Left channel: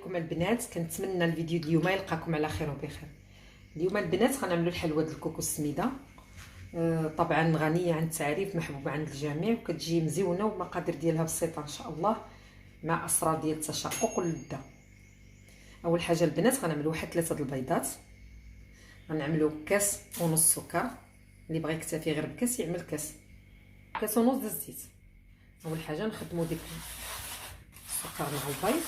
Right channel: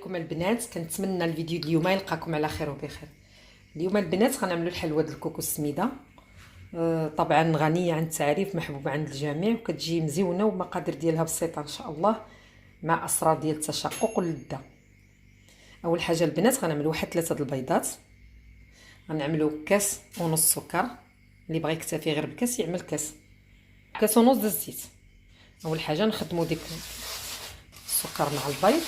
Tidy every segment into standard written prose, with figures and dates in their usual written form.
عليكم البنات. كنتمنى الفيديو اليوم يلقاكم على خير وبخير. اليوم البنات غنعملوا الحلوه ديال الكوكو السميده، طبعا غنيه عن التعريف، محبوبه عند الجميع، وكتجي مزيونه والمقادير ديالها بسيطه ان شاء الله، مع اسرار ديال التشقق واللذه. اول حاجه البنات غنعملوا واحد 3 البيضات، غنعملوا كاس ونص سكر، اللي بغى يكتفي غير بكاس يعمل كاس ونص د الزيت. اول حاجه نخدموا ديك السكر مع البيض،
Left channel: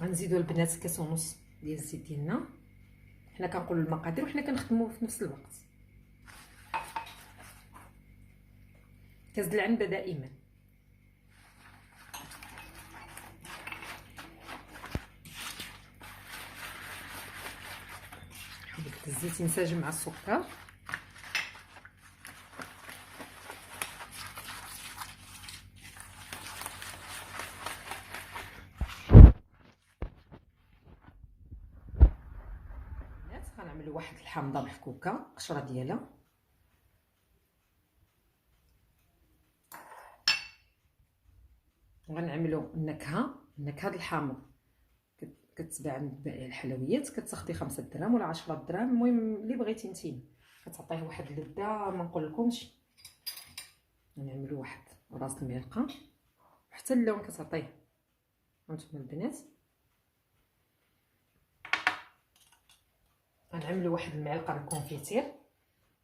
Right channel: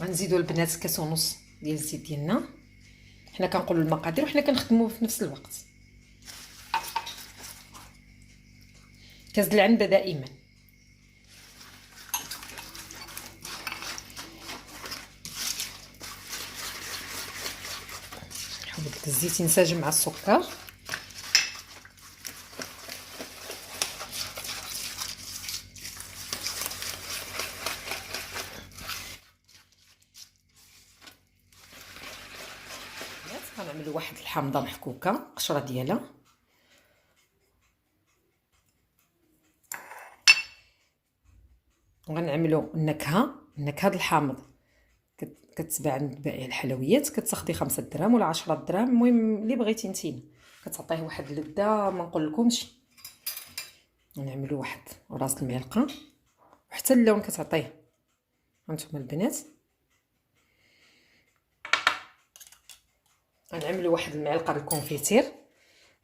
غنزيدوا البنات كاس ونص ديال الزيت ديالنا. حنا كنقولوا المقادير وحنا كنخدموا في نفس الوقت. كاس د العنبه دائما. حاول الزيت ينسجم مع السكر. غنعملوا واحد الحامضه محكوكه قشره ديالها، وغنعملوا النكهه د الحامض كتباع عند بائع الحلويات، كتاخدي 5 دراهم ولا 10 دراهم، المهم اللي بغيتي نتينا، كتعطيه واحد اللذه ما نقولكمش. غنعملوا واحد راس المعلقه وحتى اللون كتعطيه هانتوما البنات. غنعملوا واحد المعلقه ديال الكونفيتير،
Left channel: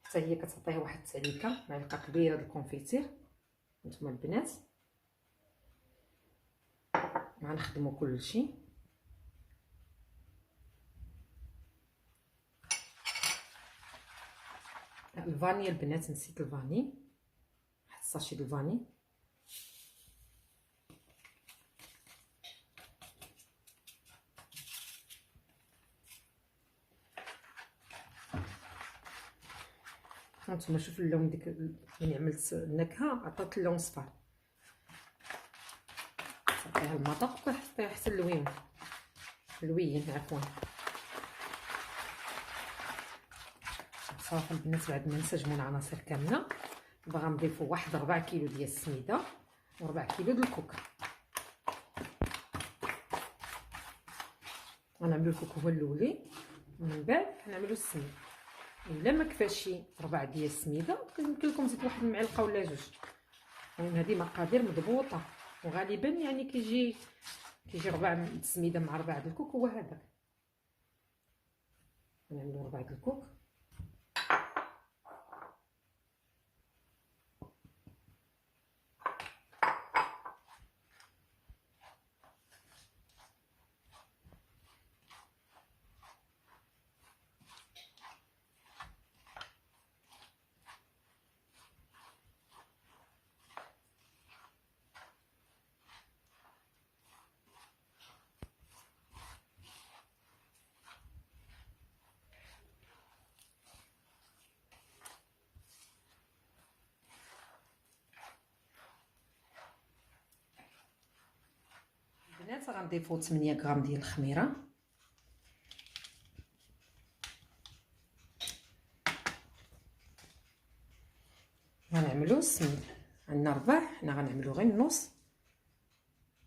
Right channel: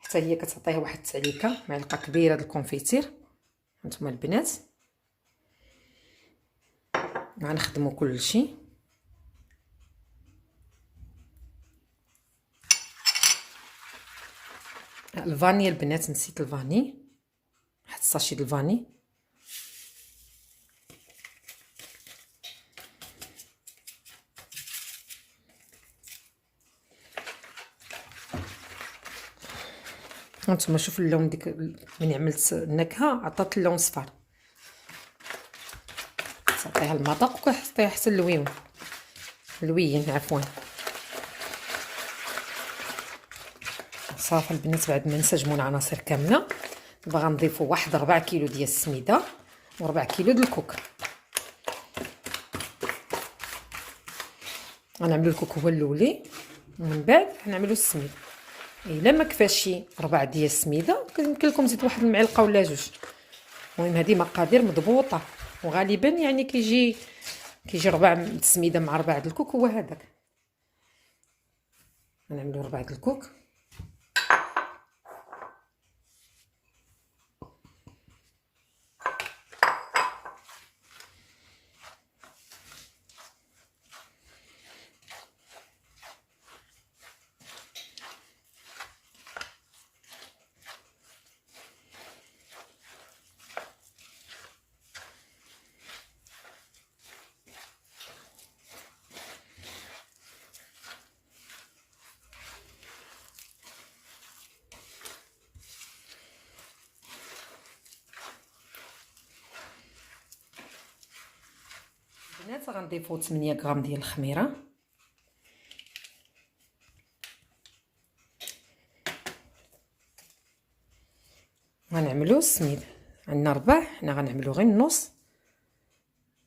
حتى هي كتعطيه واحد التعليكه، معلقه كبيره ديال الكونفيتير هانتوما البنات. غنخدموا كلشي. الفاني البنات، نسيت الفاني، واحد الساشي د الفاني. هانتوما شوفوا اللون ديك من عملت النكهه، عطات اللون صفار، تعطيها المذاق وكتعطيها حتى اللوين عفوا. صافي البنات، بعد ما نسجموا العناصر كامله باغا نضيفوا واحد 4 كيلو ديال السميده و4 كيلو ديال الكوك. غنعملوا الكوك هو الاولي، ومن بعد غنعملوا السميد. الا ما كفاش 4 ديال السميده يمكن لكم تزيد واحد المعلقه ولا جوج. المهم هذه مقادير مضبوطه، وغالبا يعني كيجي 4 السميده مع 4 د الكوك، هو هذاك. غنعملوا 4 د الكوك. البنات غنضيفوا 8 غرام ديال الخميره، غنعملوا السميد. عندنا 4، حنا غنعملوا غير النص.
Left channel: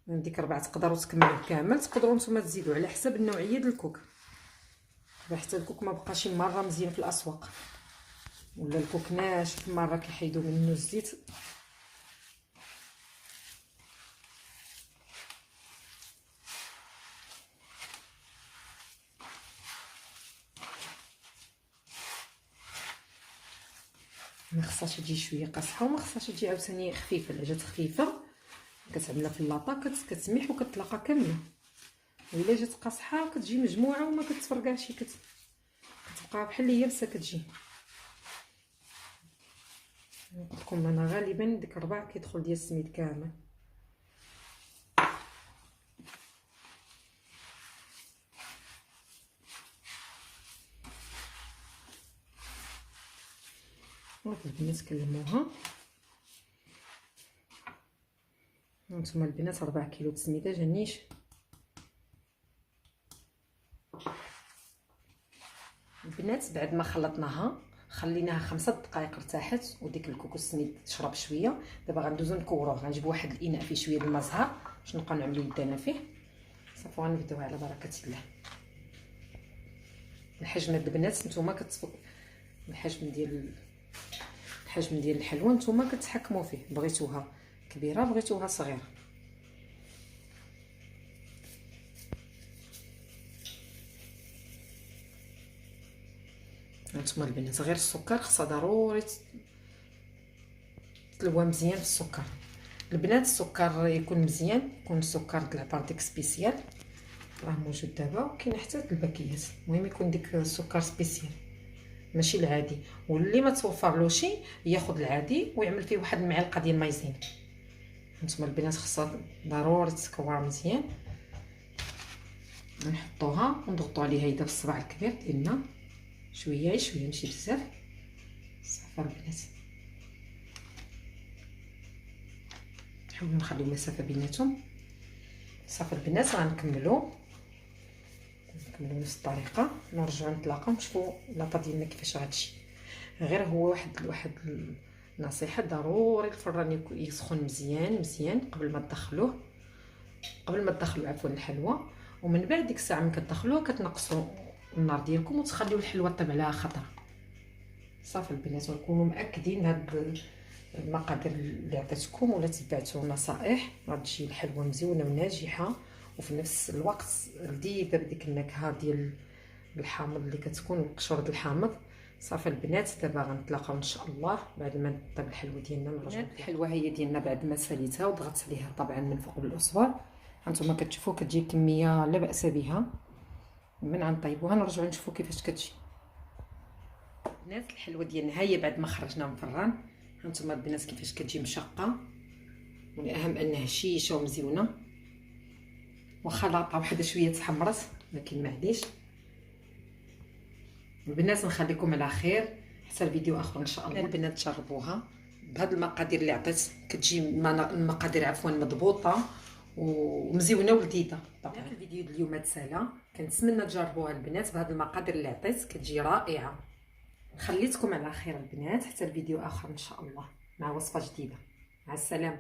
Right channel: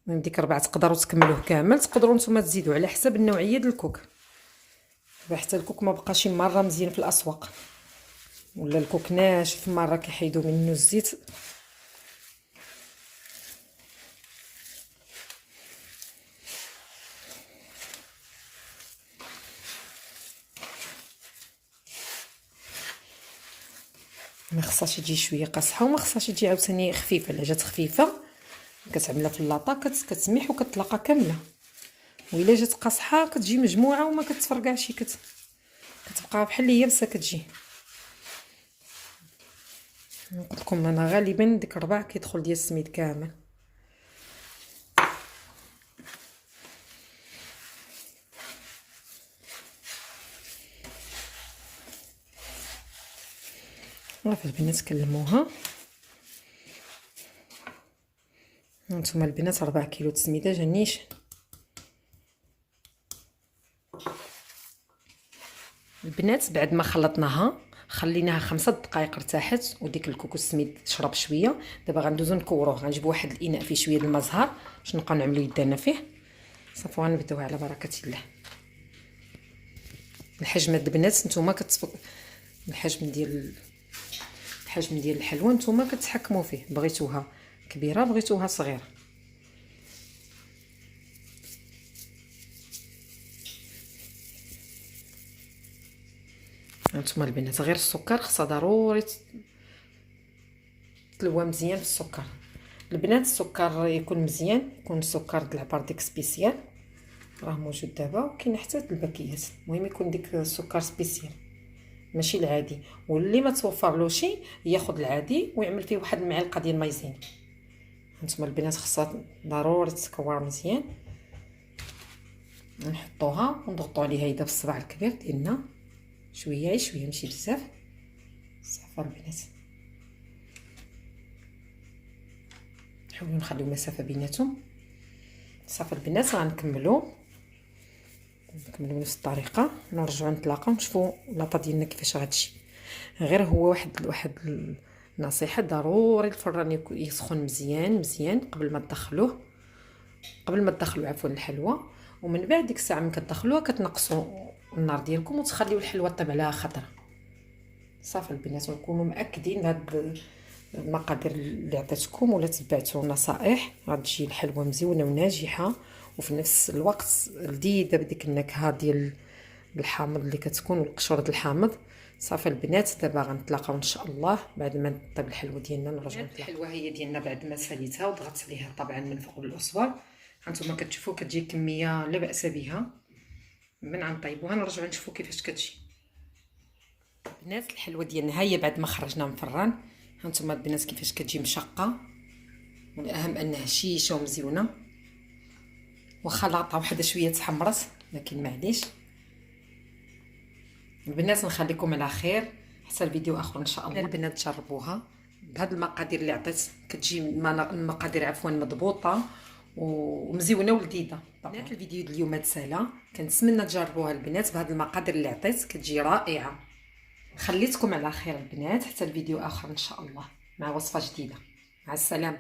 من ديك 4 تقدروا تكملوه كامل، تقدروا نتوما تزيدوا على حسب النوعيه ديال الكوك، حتى الكوك ما بقاش مره مزيان في الاسواق، ولا الكوك ناشف مره كيحيدوا منه الزيت. ما خصهاش تجي شويه قاصحه، وما خصهاش تجي عاوتاني خفيفه. الا جات خفيفه كتعملها في اللاطا كتسميح وكتطلقها كامله، وإلا جات قاصحه كتجي مجموعه وما كتفرقعش، كتبقى بحال يابسه كتجي. نقول لكم انا غالبا ديك 4 كيدخل ديال السميد كامل. صافي البنات كلموها. هانتوما البنات 4 كيلو السميده جا نيشان. البنات بعد ما خلطناها خليناها 5 دقائق ارتاحت، وديك الكوكوس السميد تشرب شويه. دابا غندوزو نكوروه، غنجيب واحد الاناء فيه شويه د الماء زهر باش نبقاو نعملو يدانا فيه. صافي غنبداو على بركه الله. الحجم البنات نتوما الحجم ديال الحلوه نتوما كتحكموا فيه، بغيتوها كبيره بغيتوها صغيره. هانتوما البنات غير السكر خصها ضروري تلوى مزيان في السكر. البنات السكر يكون مزيان، يكون السكر د العبار ديك سبيسيال راه موجود دابا، وكاين حتى الباكيات. المهم يكون ديك السكر سبيسيال ماشي العادي. واللي ما توفرلوش ياخذ العادي ويعمل فيه واحد المعلقه ديال مايزين. هانتوما البنات خصها ضروري تكور مزيان. نحطوها ونضغطوا عليها يدا بالصباع الكبير ديالنا شويه شويه ماشي بزاف. صافي البنات نحاولوا نخليو مسافه بيناتهم. صافي البنات غنكملوا بنفس الطريقه، نرجعوا نتلاقاو نشوفوا لاطا ديالنا كيفاش غتجي. غير هو واحد النصيحه، ضروري الفران يسخن مزيان قبل ما تدخلوا عفوا الحلوى. ومن بعد ديك الساعه ملي كتدخلوها كتنقصوا النار ديالكم وتخليو الحلوى طيب عليها خضره. صافي البنات نكونوا مأكدين بهاد المقادير اللي عطيتكم ولا تبعتوا النصائح غتجي الحلوى مزيونه وناجحه، وفي نفس الوقت لذيذه بديك النكهه ديال الحامض اللي كتكون والقشور د الحامض. صافي البنات دابا غنتلاقاو ان شاء الله بعد ما طيب الحلوى ديالنا. نرجعوا الحلوى هي ديالنا بعد ما ساليتها وضغطت عليها طبعا من فوق بالاسوار. هانتوما كتشوفوا كتجي كميه لا باس بها. من غنطيبوها نرجعوا نشوفوا كيفاش كتجي. البنات الحلوى ديالنا هي بعد ما خرجناها من الفران. هانتوما البنات كيفاش كتجي مشقه، والاهم انها هشيشه ومزيونه. واخا لاطه وحده شويه تحمرت لكن معليش. البنات نخليكم على خير حتى الفيديو اخر ان شاء الله. البنات جربوها بهاد المقادير اللي عطيت، كتجي المقادير عفوا مضبوطه ومزيونه ولذيذه. بنات الفيديو ديال اليوم تسالى، كنتمنى تجربوها البنات بهاد المقادير اللي عطيت، كتجي رائعه. خليتكم على خير البنات حتى الفيديو اخر ان شاء الله مع وصفه جديده. مع السلامه.